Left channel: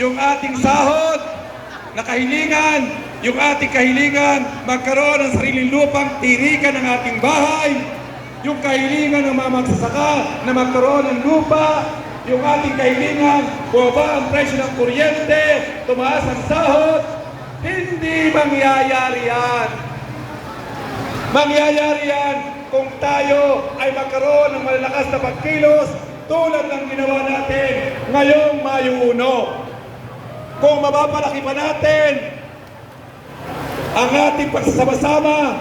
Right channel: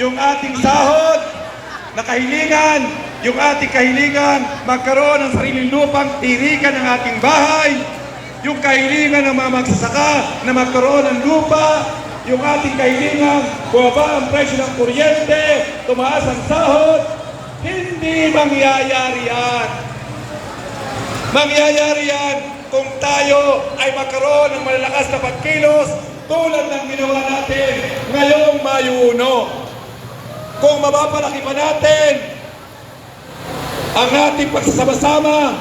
yung ating sahod na kahilingan, yung ating kahilingan magkaroon ng sariling lupang tirikan ng ating bahay, yung kahilingan ng mga magsasaka na magkaroon ng lupa, yung ating kahilingan, bumaba ang presyo ng kuryente, tumaas ang sahod, hindi mangyayari yan. Mangyayari yan kung tayo ay magkaroon ng malalakas na pagkilos tulad ng ginawa natin ngayong Mayo 1. Kung mapapalaki pa natin ang ating pagsasama-sama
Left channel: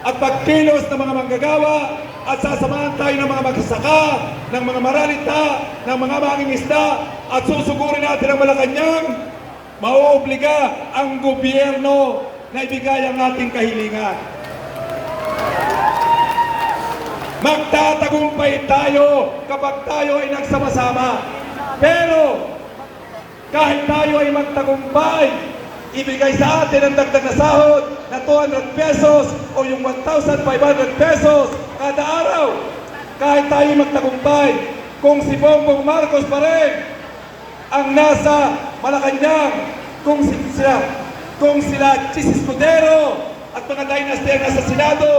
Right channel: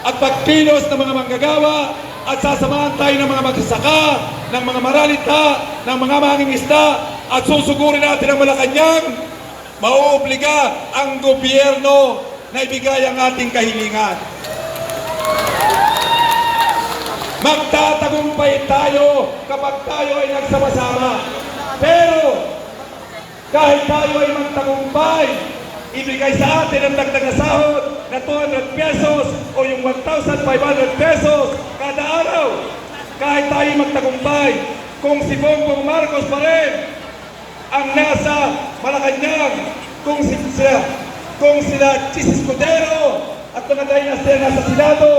at pagkilos ng mga manggagawa at sasamahan tayo ng mga magsasaka, ng mga maralita, ng mga mangingisda at susugurin natin ang Malacanang, mauobliga ang gobyerno na ibigay ang ating kahilingan. Magtatagumpay tayo kapag tayo ay nagsama-sama. Pero kahit tayo ay magtagumpay, ibigay sa atin ang dagdag na sahod na 200 pesos o yung 1,500 pesos kada araw. Kahit tayo magtagumpay, kung si Bongbong Marcos pa rin ang nasa Malacanang, kung sila Chis Escudero at mga dynasty ang nasa Senado,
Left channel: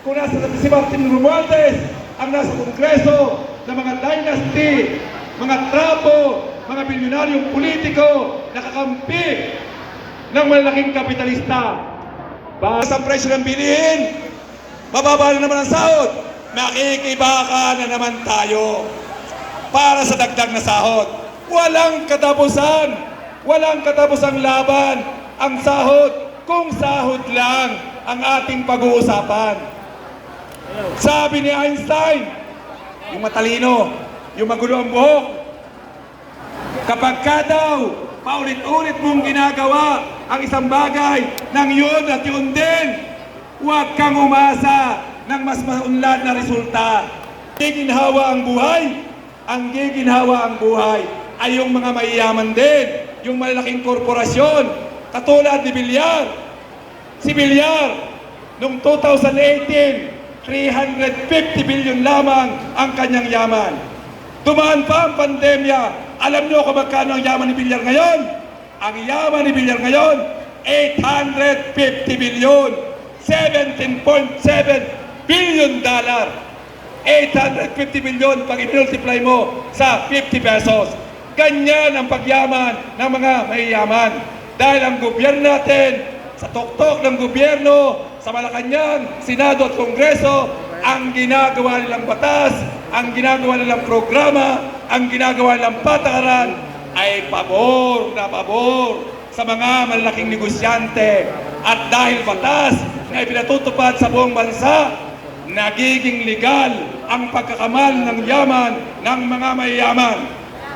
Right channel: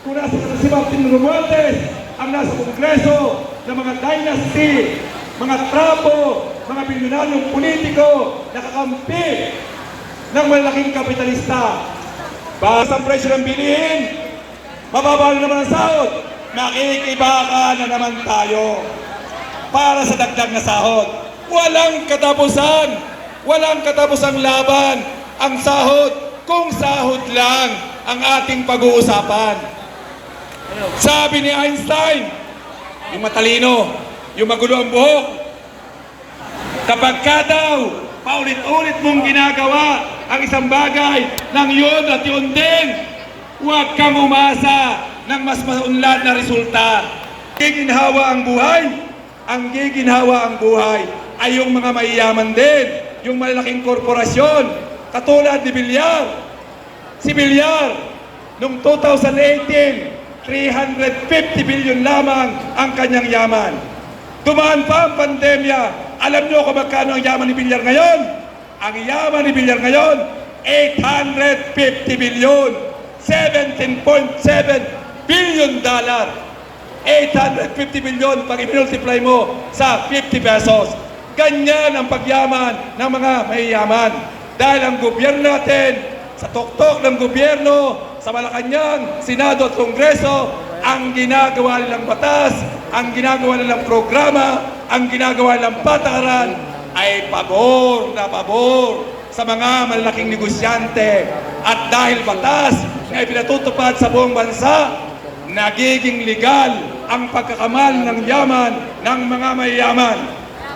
kung nasa si Martin Romualdez ang nasa Kongreso ng mga dynasty, mga trapo, mga bilyonaryong politiko na kakampi ng malaking kapitalista. Bawas ang presyo ng bilihin, mababa na naman ang sahod, makikibaka na naman tayo para sa dagdag na sahod. Walang katapusan, walang katapusang laban ang sahod kung sahod lang ang ating pag-uusapan. Sabi ni Einstein, yung matalino, yung magulo ang buhok, kapag ka daw paulit-ulit mong ginagawa ang isang bagay ng yun at yun din, huwag kang umasa ng mas maunlad na resulta. Giginhawa ang buhay, ang giginhawa ang buhay ay yung mga mayayaman din, yung malalaking korporasyon, katulad ni Villar. Si Villar, noong 2018, 350 billion lamang ang kanyang yaman. Dumaan pa ang pandemya. Alam niyo kung magkano ang yaman ni Villar ngayon? Ang yaman ni Villar ngayon, 850 billion. 17.7 billion dollar. 850 billion pag i-multiply mo sa 50 pesos. Ganyan ang pagyaman ng mga mayayaman. Dahil ang gobyerno natin, sa tuktok ng gobyerno, sa Malacanang, Senado at Kongreso, ang ginagawa nilang batas, ang ginagawa nilang programa, ang ginagawa nilang patakaran ay pabor na pabor sa mga malalaking negosyante. At dahil batas na ipinatutupad sa buong bansa, nagiging legal ang pagkakamal ng yaman ng mga mayayaman.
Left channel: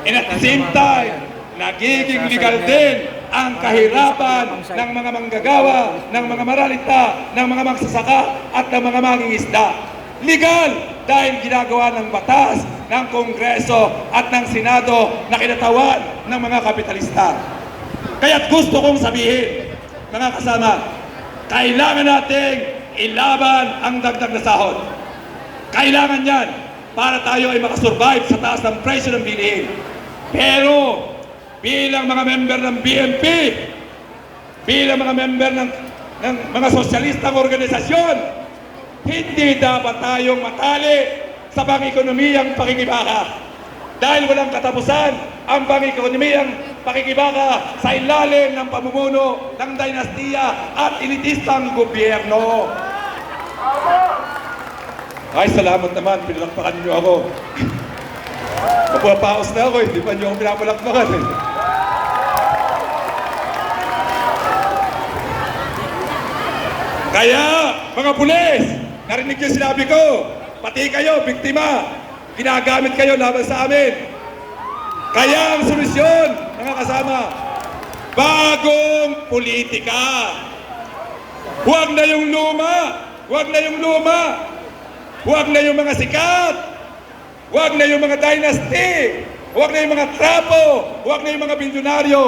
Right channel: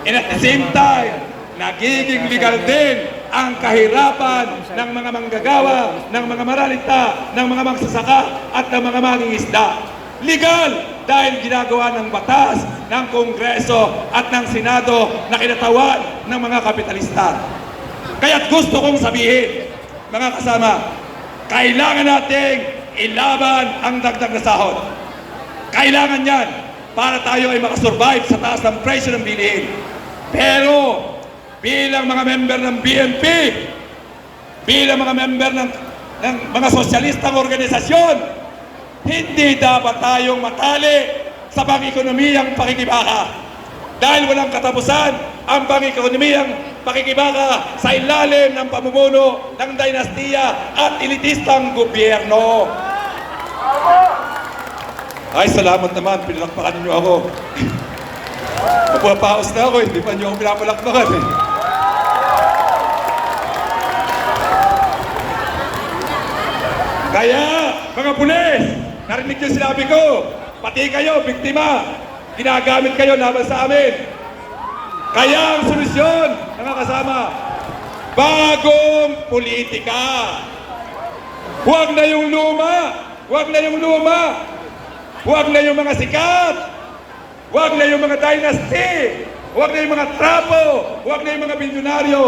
And at the same time, nagiging legal din ang kahirapan ng mga manggagawa, ng mga maralita, ng mga magsasaka at ng mga mangingisda. Legal dahil ginagawa ng batas, ng Kongreso at ng Senado na kinatawan ng mga kapitalista. Kaya't gusto kong sabihin, mga kasama, kailangan nating ilaban ang dagdag na sahod. Kailangan yan para tayo ay makasurvive sa taas ng presyo ng bilihin. Pero bilang mga member ng BNP, bilang mga member ng mga sosyalistang organisasyon, hindi dapat tayong matali sa pang-ekonomiyang pakikibaka. Dahil walang katapusan ang pang-ekonomiyang pakikibaka sa ilalim ng pamumuno ng dinastiya at elitistang gobyerno. Ay, salamat naman, pinalakpakan niyo ako. Napupaos na ako, hindi pa niyo ako pinapalakpakan eh. Kaya, mga pulis, narinig niyo sinabi ko, pati kayo, biktima, ginagamit kayo laban sa amin. Kaya ang solusyon, mga kasama, bagong politika. Huwag na yung luma, huwag na yung luma, huwag na yung mga sikat, huwag na yung mga dynasty, huwag na yung mga trapo, huwag na yung mga bilyonaryo.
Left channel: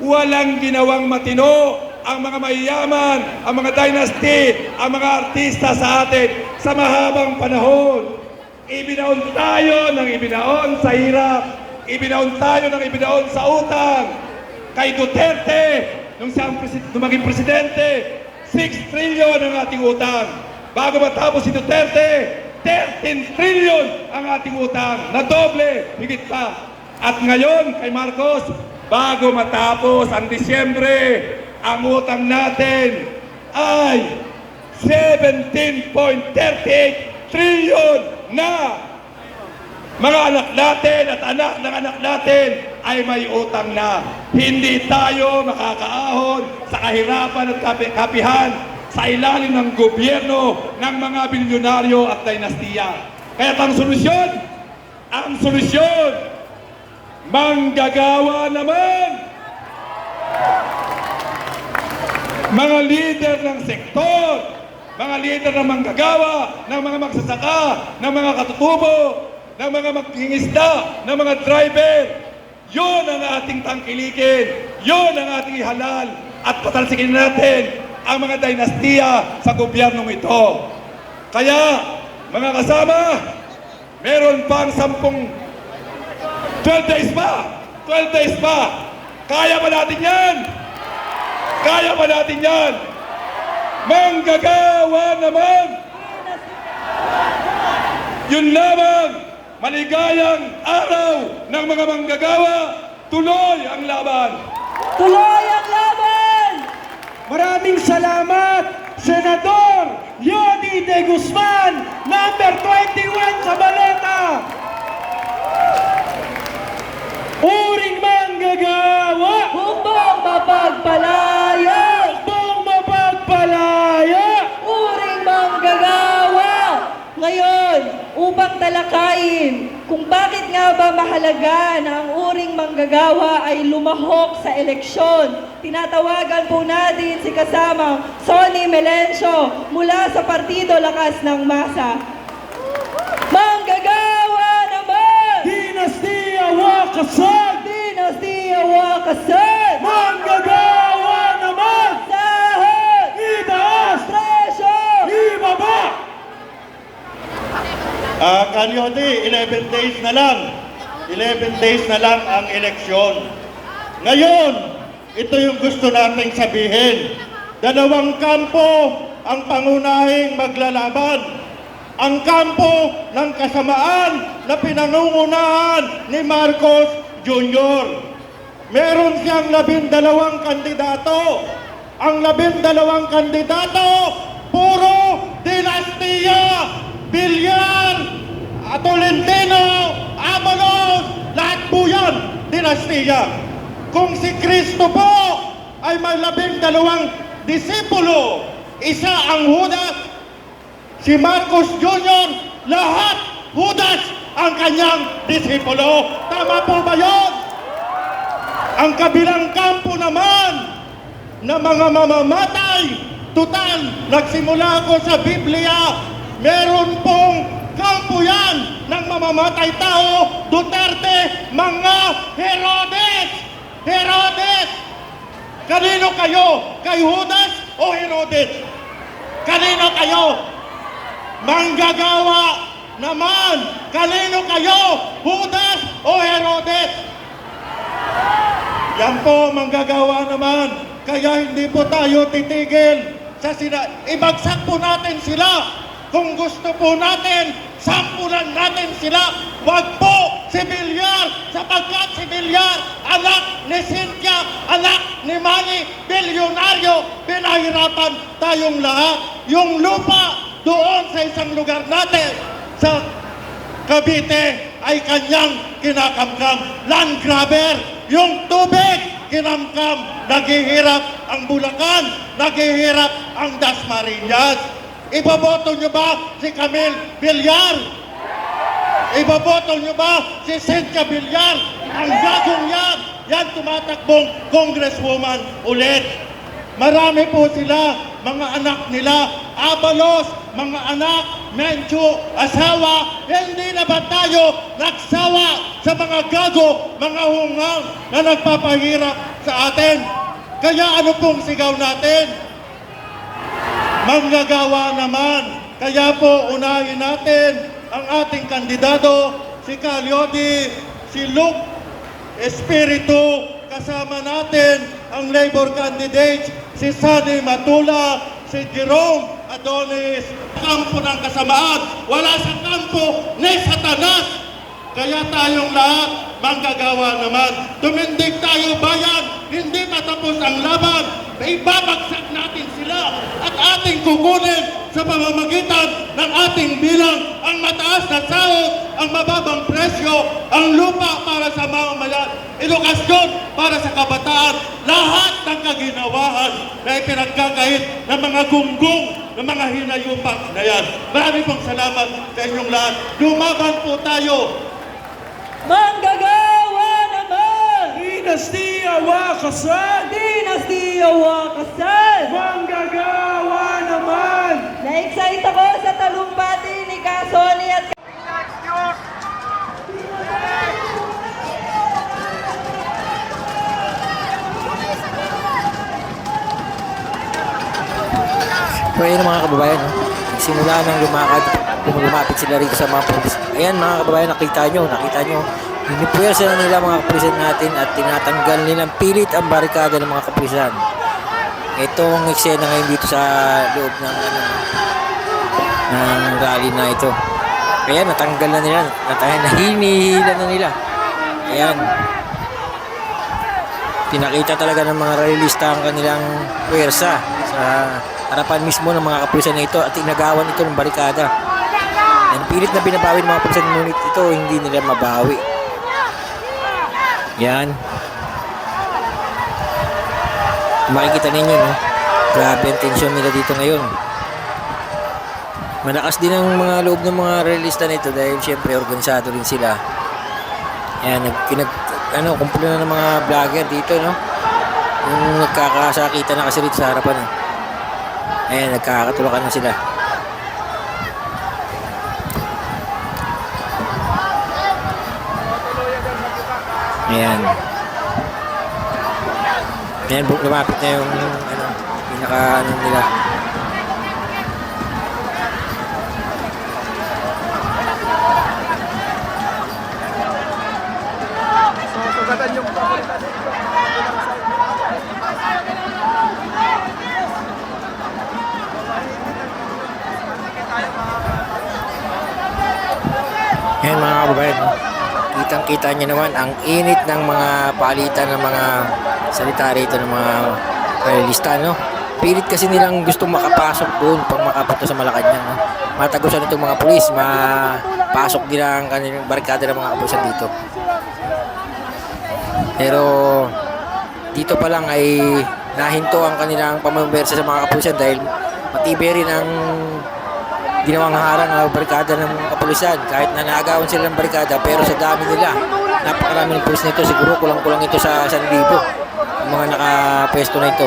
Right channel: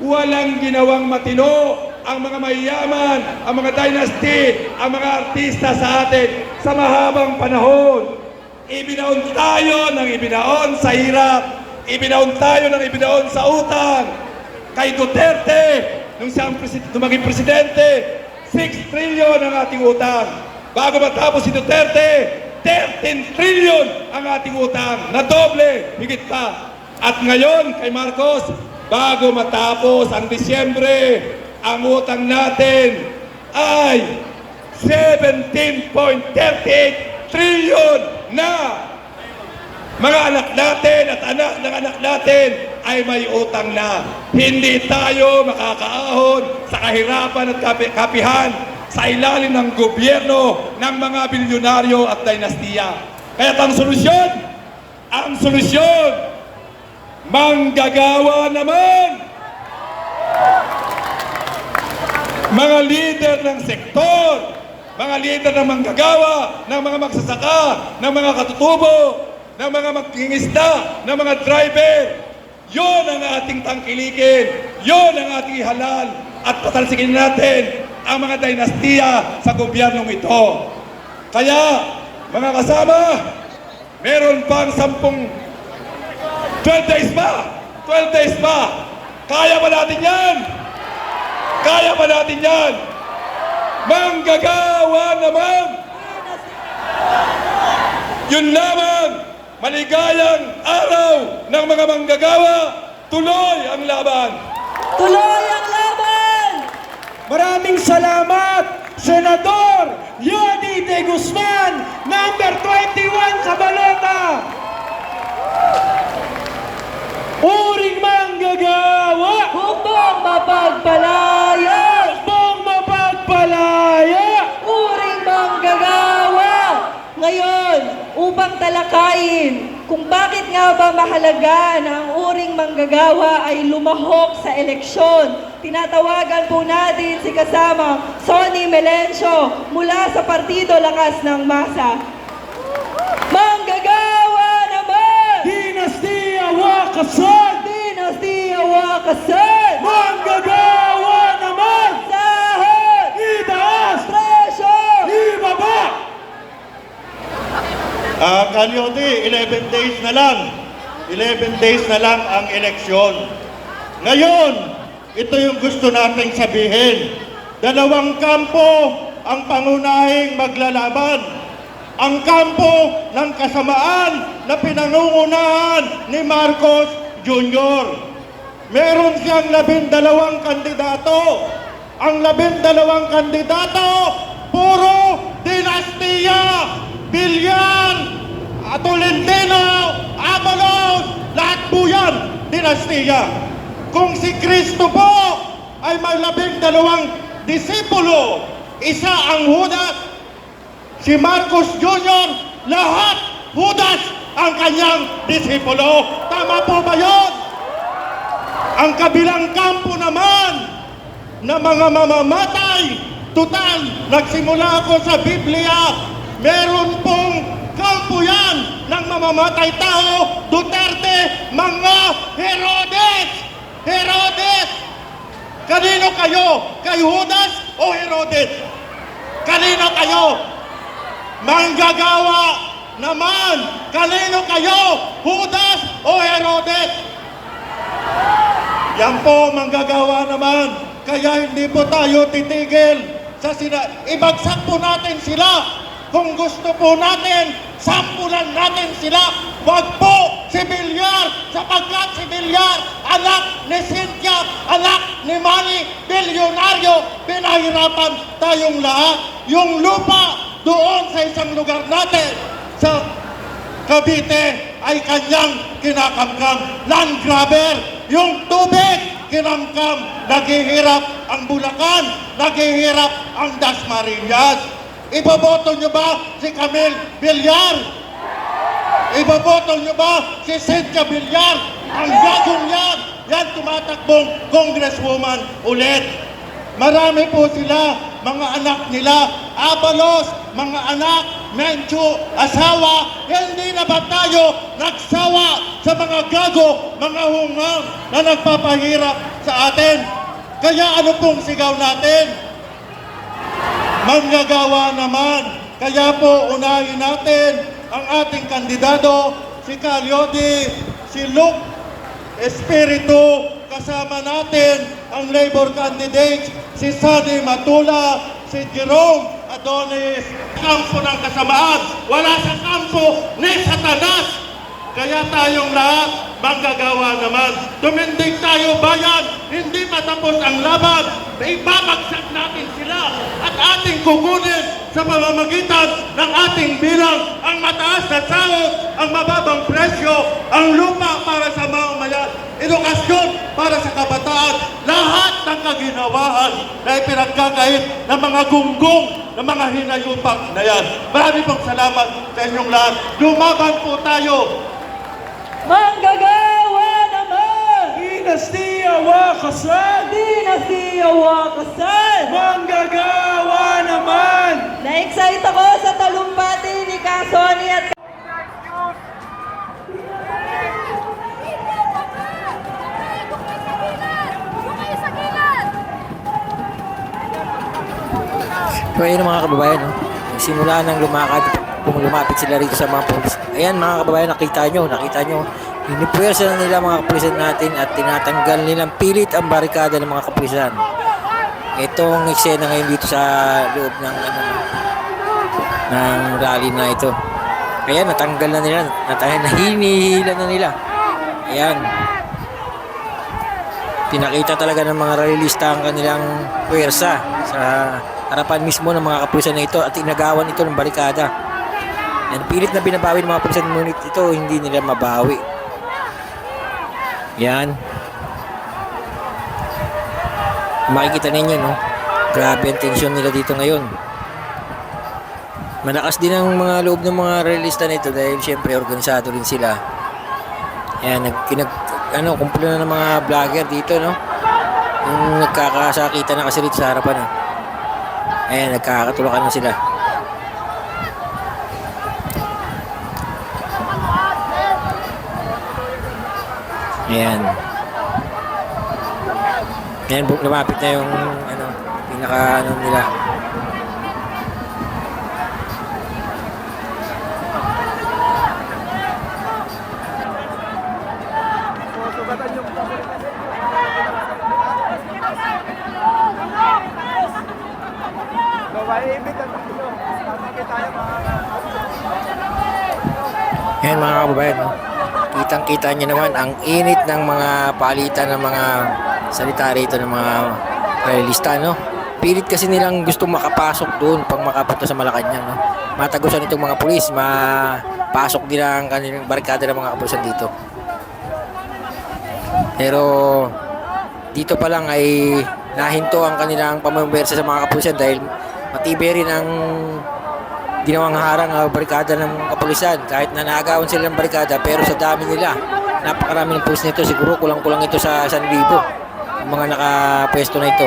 Walang ginawang matino ang mga mayayaman, ang mga dynasty, ang mga artista sa atin sa mahabang panahon. Ibinaon tayo ng ibinaon sa hirap. ibinaon tayo ng ibinaon sa utang. Kay Duterte, nung nung maging presidente, 6 trillion ang ating utang. Bago matapos si Duterte, 13 trillion ang ating utang. Na doble, higit pa. At ngayon, kay Marcos, bago matapos ang Disyembre, ang utang natin ay 17.38 trillion na. Mga anak natin at anak ng anak natin ay may utang na. Hindi tayo makakaahon sa kahirapan at kapihan sa ilalim ng gobyerno ng mga bilyonaryo at dinastiya. Kaya ang solusyon, manggagawa naman. Mga leader ng sektor, mga leader ng manggagawa, ng mga magsasaka, ng mga katutubo, ng mga magkingisda, ng mga driver. Yun ang ating tangkilikin, yun ang ating ihalal at patalsikin natin ang mga dinastiya sa gobyernong ito. Kaya, mga kasama, meron pang 12 days pa. Kaya ba natin yan? Kaya ba natin yan? Manggagawa naman! Yun lamang! Maligayang araw ng mga manggagawa! Tuloy ang laban! Tuloy ang laban! Maraming salamat, Senador Yodi De Guzman, number 21 sa balota! Uring manggagawa! Hukbong mapagpalaya! Hukbong mapagpalaya! Uring manggagawa! Ngayon, upang talakayin kung bakit nga ba mahalaga na ang uring manggagawa ay lumahok sa eleksyon, tinatawagan po natin si kasamang Sonny Melencio mula sa Partido Lakas ng Masa. Manggagawa naman! Dinastiya Wakasan! Dinastiya Wakasan! Manggagawa naman! Sahod! Itaas! Presyo! Ibaba! Kalyodi, 11 days na lang. 11 days na lang ang eleksyon. Ngayon, ito yung gusto nating sabihin. Dalawang kampo ang pangunahing maglalaban. Ang kampo ng kasamaan na pinangungunahan ni Marcos Jr. Meron siyang 12 kandidato. Ang 12 kandidato, puro dinastiya, Villar, Tolentino, Abalos, lahat po yan, dinastiya. Kung si Cristo po ay may 12 disipulo, isa ang Judas, si Marcos Jr., lahat Judas ang kanyang disipulo. Tama po ba yun? Ang kabilang kampo naman na mga mamamatay, total, nagsimula ako sa Biblia, meron pong kampo yan ng mamamatay tao, Duterte, mga Herodes! Herodes! Kanino kayo? Kay Judas o Herodes? Kanino kayo? Manggagawa naman! Kanino kayo? Judas o Herodes? Yan po, manggagawa naman. Kaya hindi po tayo titigil sa ibagsak po natin sila. Kung gusto po natin, sampulan natin sila. Wag po si Villar, sapagkat si Villar, anak ni Cynthia, anak ni Manny, bilyonaryo, pinahirapan tayong lahat. Yung lupa doon sa isang lugar natin, sa Cavite, ay kanyang kinakamkam. Land grabber, yung tubig, kinamkam. Naghihirap ang Bulacan, naghihirap ang Dasmariñas. Iboboto nyo ba si Camille Villar? Iboboto nyo ba si Cynthia Villar? Ang gagong yan, yan tumatakbong congresswoman ulit. Marami po sila, mga anak nila, Abalos, mga anak, Mencho, asawa. Hindi na ba tayo nagsawa sa mga gago, mga hungang na nagpapahirap sa atin? Kaya ano pong sigaw natin? Manggagawa naman. Kaya po unahin natin ang ating kandidato, si Calyodi, si Luke Espiritu, kasama natin ang Labor candidates, si Sani Matula, si Jerome Adonis. Kampo ng kasamaan, wala sa kampo ni Satanas. Kaya tayong lahat manggagawa naman. Tumindig tayo bayan, hindi matapos ang laban. Ibabagsak natin sila at ating kukunin sa pamamagitan ng ating bilang ang mataas na sahod, ang mababang presyo, ang lupa para sa mamamayan, edukasyon para sa kabataan, lahat ng kaginawahan na ipinagkakait ng mga gunggong ng mga hinayupak na yan. Maraming pong salamat sa inyong lahat. Lumaban po tayo. Manggagawa naman! Dinastiya Wakasan! Dinastiya Wakasan! Manggagawa naman! Na-excite ako sa talumpati ni Kasoni at So ayun mga kababayan, no? Simula nang lumapit sila rito sa mga pulis. Ayan mga kababayan, nakita nyo, inipuwersa na nila mga kapulisan natin at tinatanggal nilang pilit ang barikada ng mga kapulisan. Itong eksena ngayon dito sa loob ng ng rally na ito. Ayan, natanggal na nila, hinihila na nila. Ayan. Pinakita talaga ng mga rallyista ang kanilang puwersa sa harapan mismo ng mga kapulisan na ito at inagawan ito ng barikada. Yan, pilit na binabawi ng mga kapulisan, ngunit ito hindi nila mabawi. Yan. Makikita ninyo, no? Grabe ang tensyon nila dito ngayon. Malakas din ang mga loob ng mga realista na ito dahil syempre organisado rin sila. Yan, kumpulo na ng mga vlogger dito, no? Yung nagkakasakita na kasi dito sa harapan, no? Ayan, nagkakatulakan na sila. Ayan. Ayan, lumapit na yung pinaka nila. Ayan mga kababayan, no? Kitang-kita nyo naman ang init ng mga palitan ng mga salita rito ng mga realista, no? Pilit kasi nilang gusto makapasok doon pag makapunta sa Malacanang, no? Matagusan itong mga pulis, mapasok nila ang kanilang barikada ng mga kapulisan dito. Pero dito pa lang ay nahinto ang kanilang pamumuwersa sa mga kapulisan dahil matibay rin ang ginawang harang ang barikada ng kapulisan. Kahit na naagawan sila ng barikada, pero sa dami nila, napakarami ng pulis nito, siguro kulang-kulang ito sa 1,000 ang mga nakapwesto na ito.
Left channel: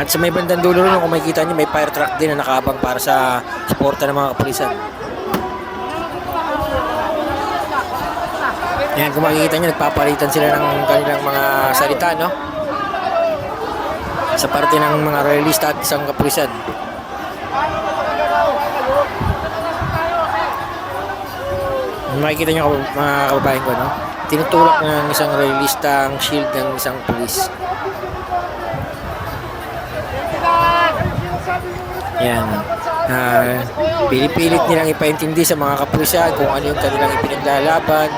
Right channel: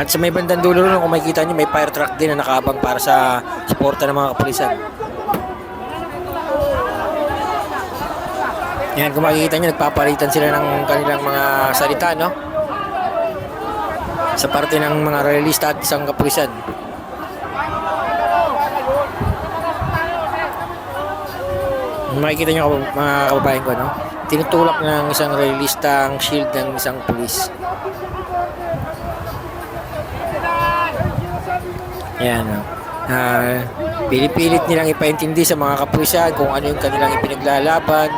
At sa may bandang dulo rin, kung makikita nyo, may fire truck din na nakaabang para sa suporta ng mga kapulisan. Yan, kung makikita nyo, nagpapalitan sila ng kanilang mga salita, no? Sa parte ng mga realista at isang kapulisan. Makikita nyo mga kababayan ko, no? Tinutulak ng isang realista ang shield ng isang pulis. Yan. Pinipilit nilang ipaintindi sa mga kapulisan kung ano yung kanilang ipinaglalaban.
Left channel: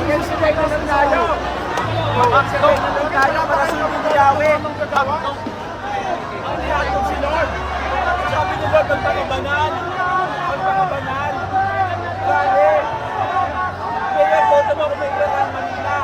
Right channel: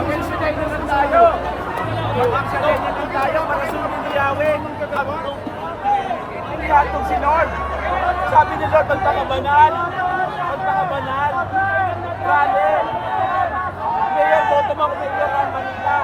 Mag-extray na lang tayo. Mag-extray na lang tayo para sundin ni Yahweh. Inihatog si Lord. Sabi ni Lord, magpakabanal. Magpakabanal. Rally. Mayor, boto mo ako Mayor ng Manila.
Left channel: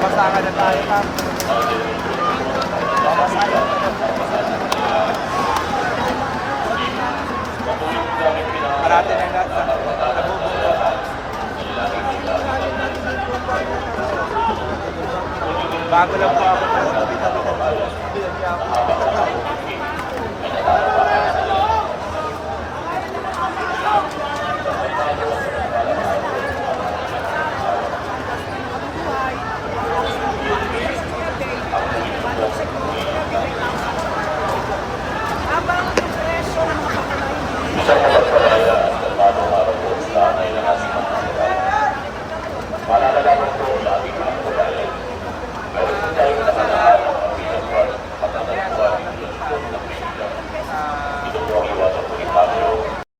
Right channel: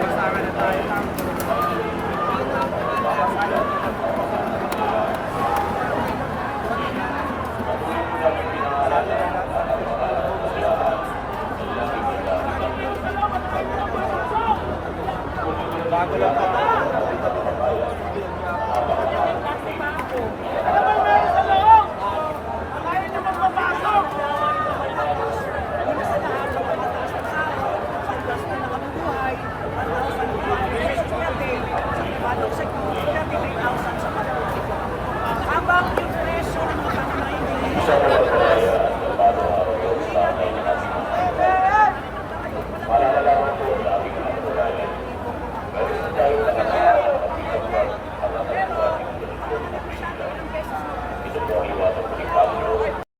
Babasakan na tayo, ma'am. Parati na lahat. Bago lang po ako.